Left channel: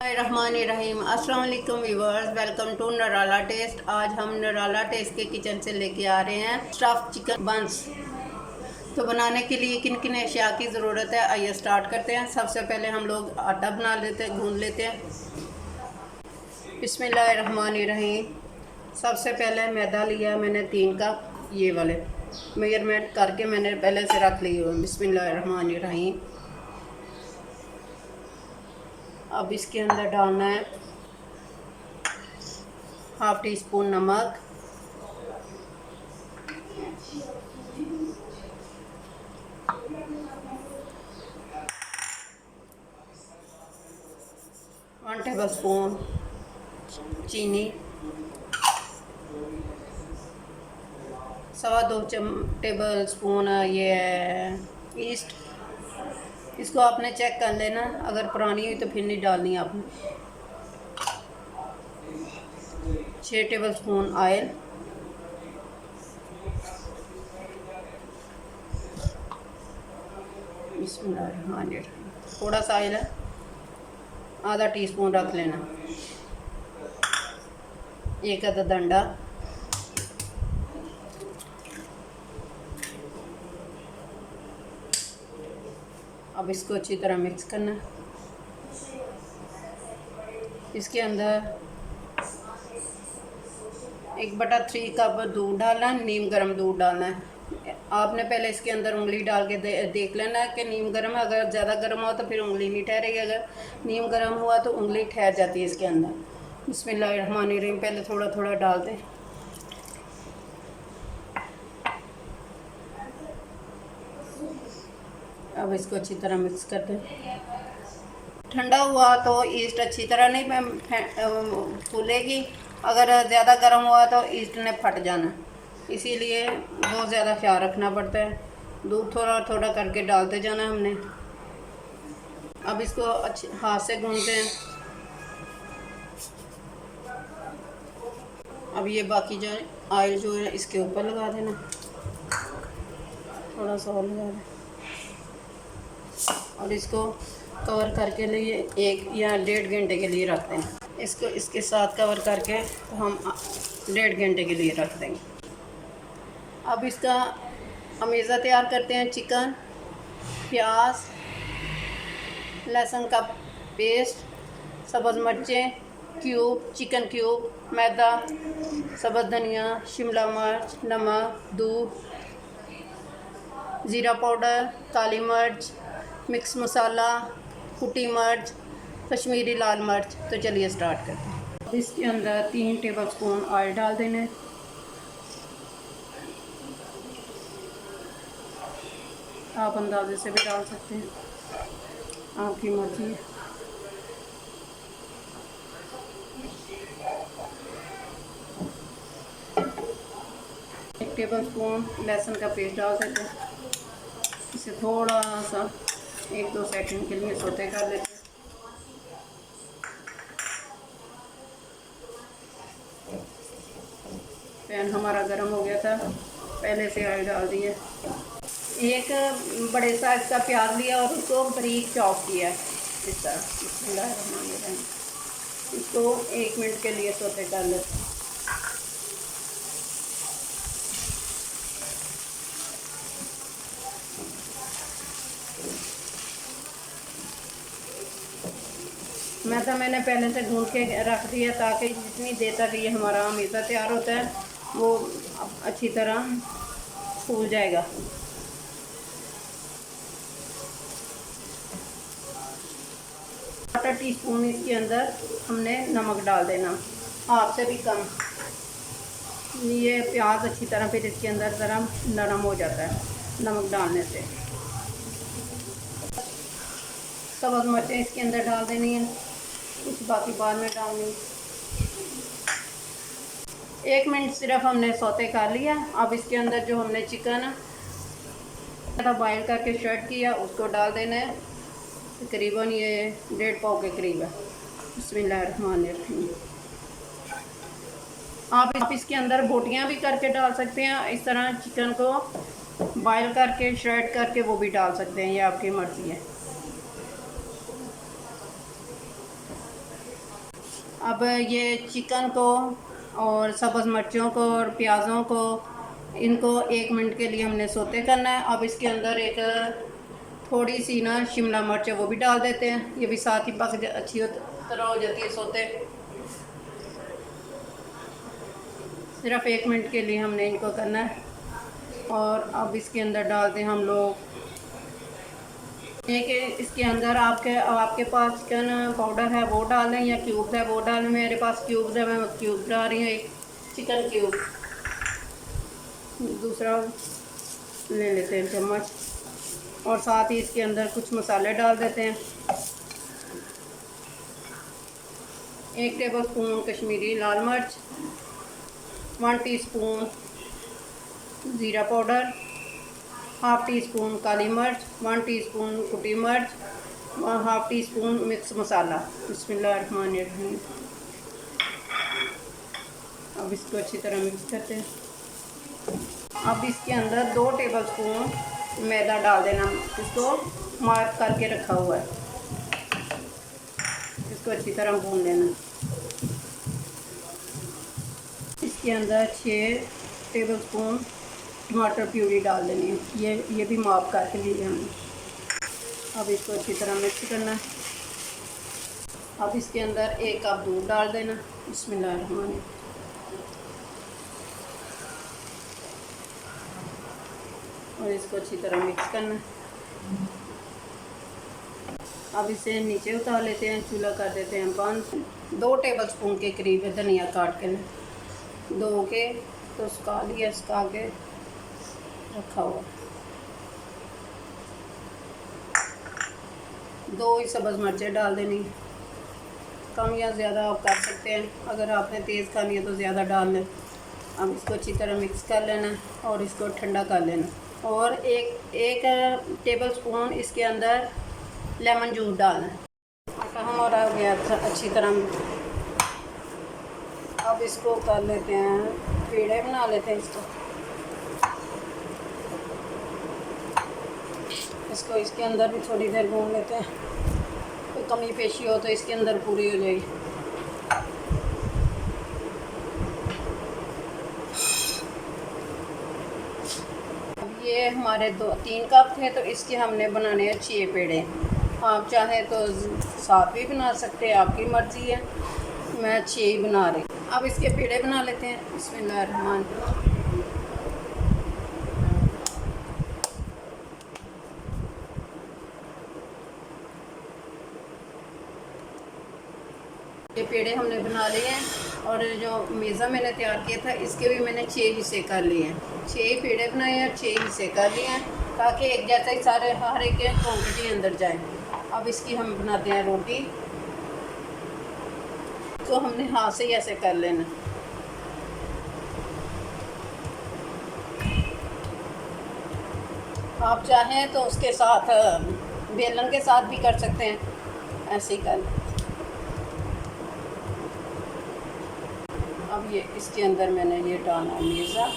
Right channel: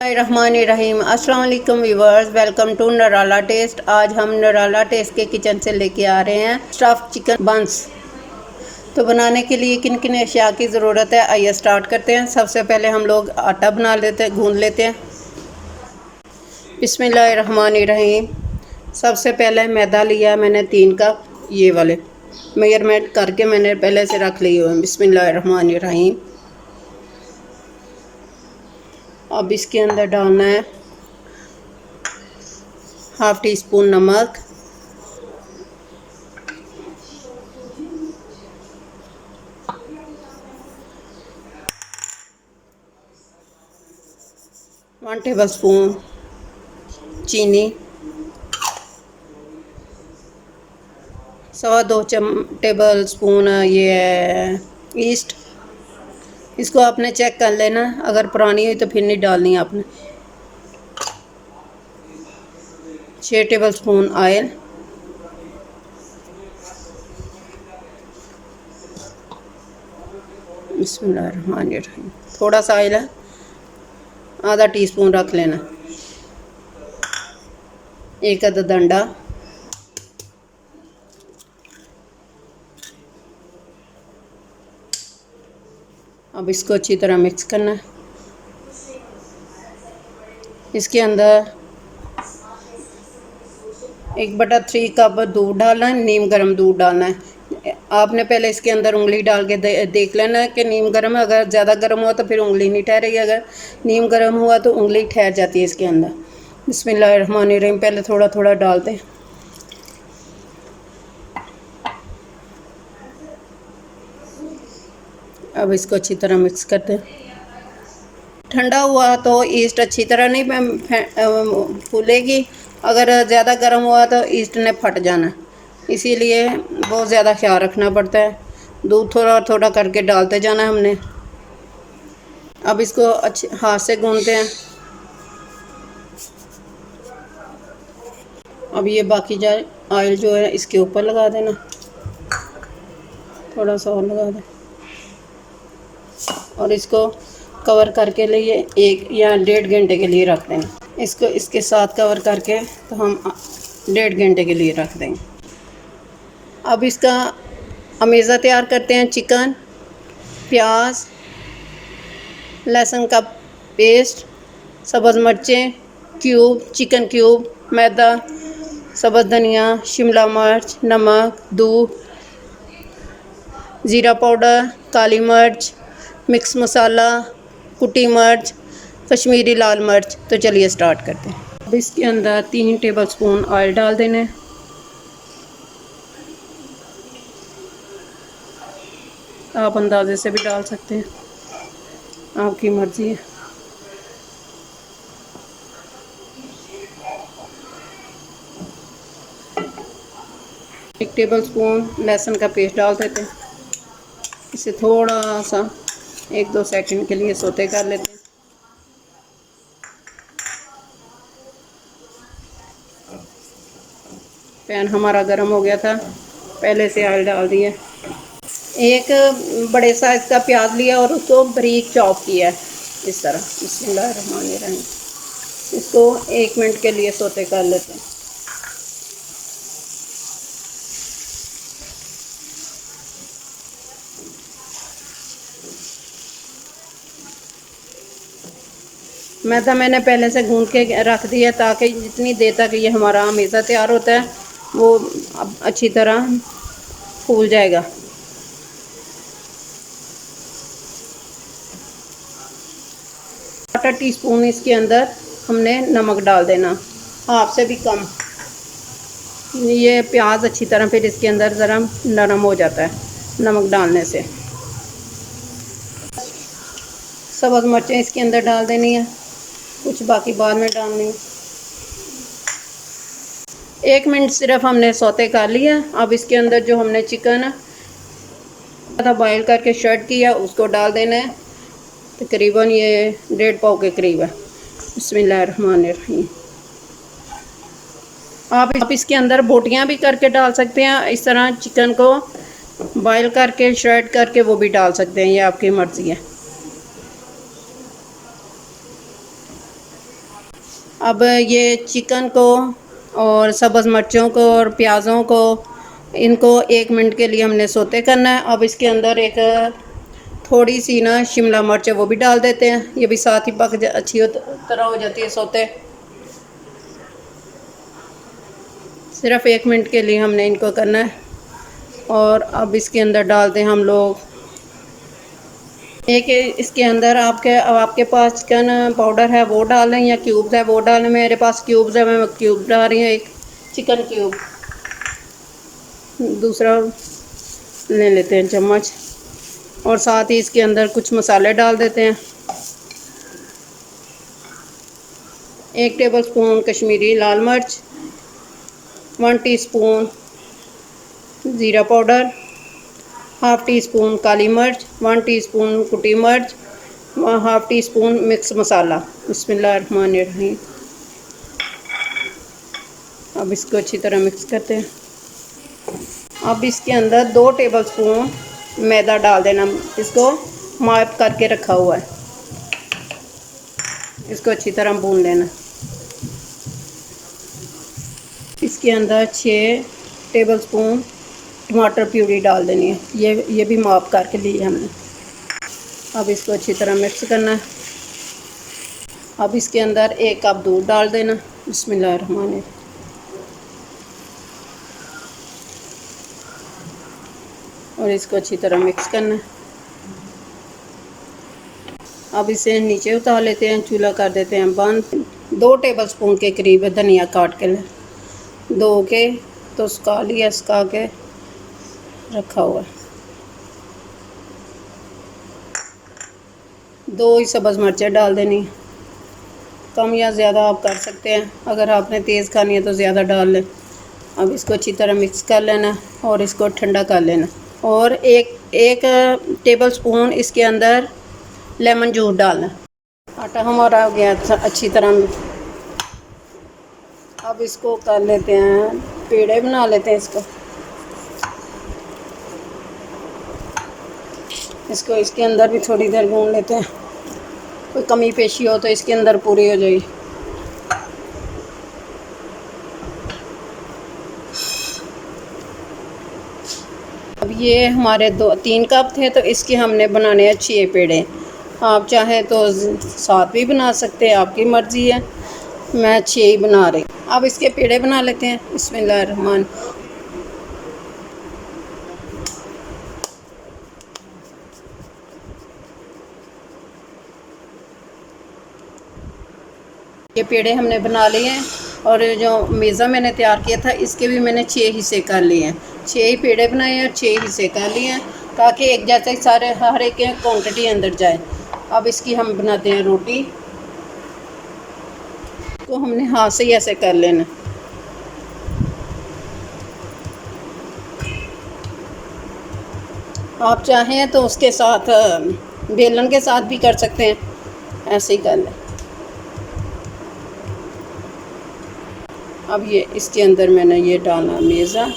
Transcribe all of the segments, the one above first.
रहीम अस्सलाम वालेकुम viewers, welcome to नराला test. आज हम नराला टेस्ट के किचन से लेके आ रहे हैं स्टफ़ चिकन बंस। तो बनाने के लिए किन किन अशिया की ज़रूरत है, आइए स्टार्ट करते हैं। सबसे पहले हम लोग आटा बना लेते हैं, गूंद लेते हैं। बिस्मिल्लाहिर्रहमानिर्रहीम। सबसे पहले मैदा लिया मैंने 3 कप, ये वाले मेजरमेंट करके मैंने पहले से रख लिए हुए हैं। बिस्मिल्लाहिर्रहमानिर्रहीम। अब इसके अंदर डालना है हाफ़ टी स्पून नमक, वन टेबल स्पून चीनी, 2.25 टेबल स्पून ये है ईस्ट। इसको आपने चेक कर लेना, अगर पुरानी हुई तो फिर नहीं डालनी आपने। 6 टेबल स्पून ऑयल, बिस्मिल्लाहिर्रहमानिर्रहीम। थोड़ा सा ऑयल है, आधा टीस्पून रख लेना। 1 अदद अंडा, अब इसको अच्छी तरह मिक्स करना है। इसके अंदर 1/3 कप दूध डालना है, नीम गर्म दूध डालना है। आपने पहले इसके अंदर उंगली डाल के देख लेना है कि नीम गर्म है। अगर ज़्यादा गर्म हुआ तो फिर उंगली नहीं ठहरेगी, अगर नीम गर्म हुआ तो उंगली ठहर जाती है इसके अंदर। बिस्मिल्लाहिर्रहमानिर्रहीम। पहले थोड़ा थोड़ा डालते हैं। अब इसको अच्छी तरह मिक्स करते हैं। ठंडा हुआ तो ईस्ट अच्छी तरह नहीं फूलेगी, अगर ज़्यादा गर्म हुआ तो ईस्ट ने फट जाना, इसीलिए बहुत ज़्यादा ख्याल रखना पड़ता है। दूध थोड़ा थोड़ा करके डालते जाना है हमने। अब इसको अच्छे हाथ से गूंदते हैं। अब ये बाकी जाए ऑयल जो है इसके ऊपर लगा देना, थोड़ा सा और लगा दें और इसको कवर करके लिए 1 या 1.5 घंटे के लिए रख देना। इसको इसके साथ कवर करके तो हम 1.5 घंटे के लिए रख देंगे। अब इसका अमेज़ा तैयार करते हैं। चिकन, प्याज, लहसुन का पेस्ट, सब्ज़ मिर्चें क्यूब, चिकन क्यूब, मैदा, सब्ज़ धनिया, शिमला मिर्च, नमक, दूध, ज़ीरा पाउडर, काली मिर्च, मिक्स मसाला, कुटी मिर्च, कश्मीरी लाल मिर्च। तो चलिए स्टार्ट करते हैं। अब इसके अंदर 3 टेबल स्पून ऑयल डाल देने। आप अंदाजे से भी डाल सकते हैं, आपकी मर्ज़ी है। एक टेबल स्पून लहसुन का पेस्ट डाल देते हैं। इसे थोड़ा सा 1-2 सेकंड के लिए सोते कर लेते हैं। पैन हमारा गर्म हो गया था, पहले से ऑयल डाल दिया। एक बड़े साइज़ का प्याज लिया और उसको बारीक चॉप किया इस तरह। बिस्मिल्लाहिर्रहमानिर्रहीम। इसको 1 मिनट के लिए सोते कर लेते हैं। मैदा मैंने पहले से गूंद के रख दिया ताकि जितनी देर तक ये हमारा अमेज़ा तैयार होता है वो अच्छी तरह फूल जाएगा। आधा टीस्पून इसके अंदर हमने नमक डाल देना, हाफ से भी कम। ये प्याज अच्छी तरह फिर इसके अंदर ज़रा नरम हो जाता है नमक डालने से। सब्ज़ मिर्चें इसके अंदर डाल देनी है, कुछ बाकी बाद में डालनी है। 1 मिनट सिर्फ हमने सौते कर लिया। अब इसके अंदर जो हमने चिकन बॉयल करके शर्ट किया उसको डाल देना है। तकरीबन ये 1.5 पाव के करीब है। बिस्मिल्लाहिर्रहमानिर्रहीम। आप इसके अंदर बोटियां भी करके डाल सकते हैं, इस तरह चिकन को बॉयल करके शर्ट करके वो भी डाल सकते हैं, ये आपकी मर्ज़ी है। अब ये चिकन को और सब्ज़ मिर्चों को और प्याज़ों को, इनको 1 मिनट के लिए हमने सोते करना है। अब इसके अंदर एक थोड़ी सी ना शिमला मिर्च है वो भी डाल देते हैं, ये भी साथ ही अच्छी तरह हो जाती है सोते। सिर्फ 1 मिनट के लिए हमने इनको करना है। और अब इसके अंदर डालते हैं हम लोग एक, इसके अंदर अब आपके पास चिकन पाउडर है वो डालें या क्यूब्स है वो डालें। मेरे पास क्यूब्स है, मैं क्यूब डाल रही हूँ, एक चिकन क्यूब। दूसरा ले लेते हैं चम्मच, और साथ ही इसके अंदर कुछ मसाले डाल देते हैं। 1 टेबलस्पून कश्मीरी लाल मिर्च, 1 टीस्पून ज़ीरा पाउडर, हाफ़ टी स्पून काली मिर्च, 1 टीस्पून कुटी मिर्च, 1/2 टीस्पून मिक्स मसाला। बिस्मिल्लाहिर्रहमानिर्रहीम। अब इसको अच्छी तरह मिक्स करते हैं। अब इसके अंदर 2 टेबलस्पून मैदा डाल देना, इसको माप करके रखा हुआ है। इसको अच्छी तरह भून लेना। इसके अंदर 6 टेबलस्पून टमाटर प्यूरी डाल देनी है, ये भी माप करके ली है हमने। अब इसको अच्छी तरह मिक्स करना है। अब इसके अंदर 1 कप दूध डाल देना। बिस्मिल्लाहिर्रहमानिर्रहीम। और इसको अच्छी तरह मिक्स करना है। अब इसे नीचे उतार लेते हैं, चूल्हा कर देते हैं बंद। 2 टेबलस्पून के करीब धनिया काट के धो के तो सुखा लिया, सुखा के रखा हुआ। 2 ही सब्ज़ मिर्चें डाल देनी, कम या ज़्यादा आप कर सकते हैं, अगर आपने तेज़ खानी है तो ज़्यादा डाल लें। अब इसको अच्छी तरह मिक्स कर लेना और इसको ठंडा कर लेना। और एक टेबलस्पून इसके अंदर लेमन जूस डालना। आटा हमारा हो गया अच्छी तरह। अब इसको कर लेते हैं, पेड़े बना लेते हैं इसको इसके अंदर भी थोड़ी देर भून लेते हैं। कोई कमी पेशी हो तो इसके अंदर पूरी हो जाएगी। अब ये हमारे 3 कप थे, तो इसके हमने बनाने हैं 6 पेड़े। आप चाहें तो 7 भी बना सकते हैं, आपकी मर्ज़ी है। मैं 6 ही बना रही। अब इसके पेड़े बना लेते हैं। बिस्मिल्लाहिर्रहमान। ये पेड़े हमने बना लिए हैं, और जो मेज़ा मैंने तैयार किया था इसके भी मैंने 6 हिस्से कर लिए हैं। 6 ही पेड़े बनाए हैं और 6 हिस्से कर लिए हैं, ताकि एक जैसे सारे हर एक क्वांटिटी अंदर जाए। अब इसकी हम बनाते हैं रोटी। तो हमने हाथ से ही ऐसे कर लेना। आप चाहें तो उसके साथ बेलन के साथ भी कर सकते हैं, ऐसे ही कर लें। अब ये इसके अंदर मैंने ये डालना मेज़ा,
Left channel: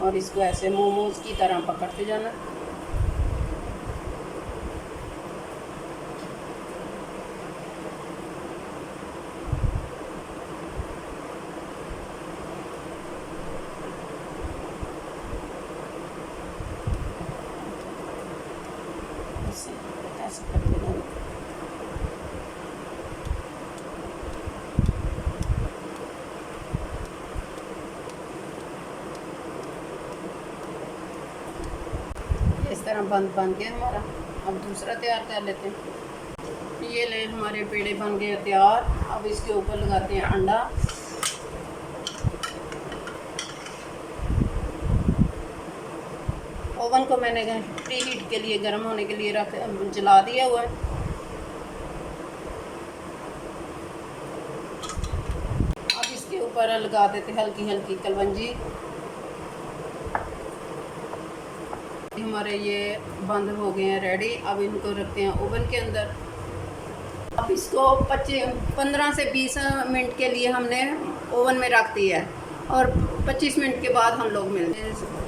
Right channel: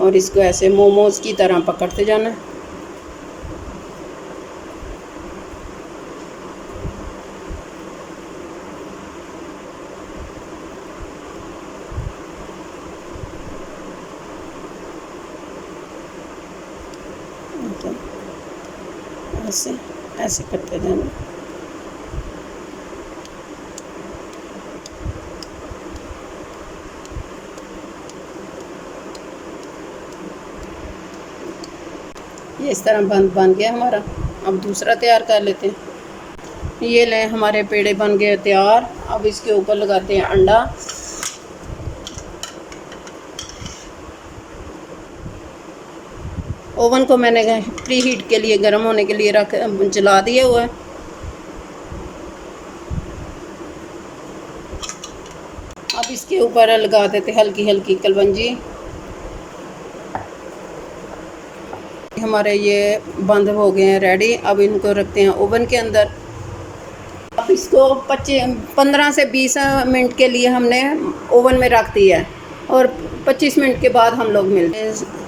और इसको ऐसे मोमोज़ की तरह पकड़ते जाना। ऐसे ऐसे करते जाना। ये इस तरह बन गया हमारा। अब दूसरा तैयार कर लेते हैं। ये ले हमारे पेड़े बन गए तैयार। अब इसके ऊपर लगाते हैं अंडा। ओवन को मैंने प्री हीट के लिए, गर्म होने के लिए जला दिया हुआ है। अब इसके ऊपर लगा देते हल्की हल्की कलवंजी। हमारे ये बंद हो गए हैं रेडी। अब इनको रखते हैं ओवन के अंदर। अब इसको 15 से 20 मिनट के लिए हमने ओवन में रख दिया है, और 25 मिनट के बाद हम लोग मिलते हैं।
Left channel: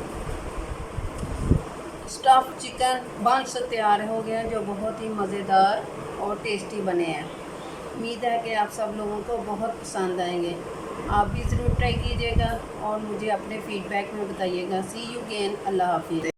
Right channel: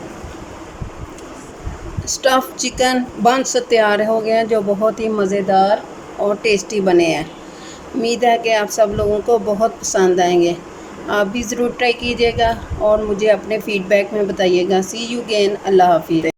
स्टफ़ चिकन बंस तैयार हो गए हैं, जो बहुत ही मज़ेदार और टेस्टी बने हैं। उम्मीद है कि आप सब लोगों को बहुत पसंद आएंगे। आप भी ज़रूर ट्राई कीजिएगा और मुझे अपने फ़ीडबैक में बताइएगा। सी यू अगेन। अल्लाह हाफिज़।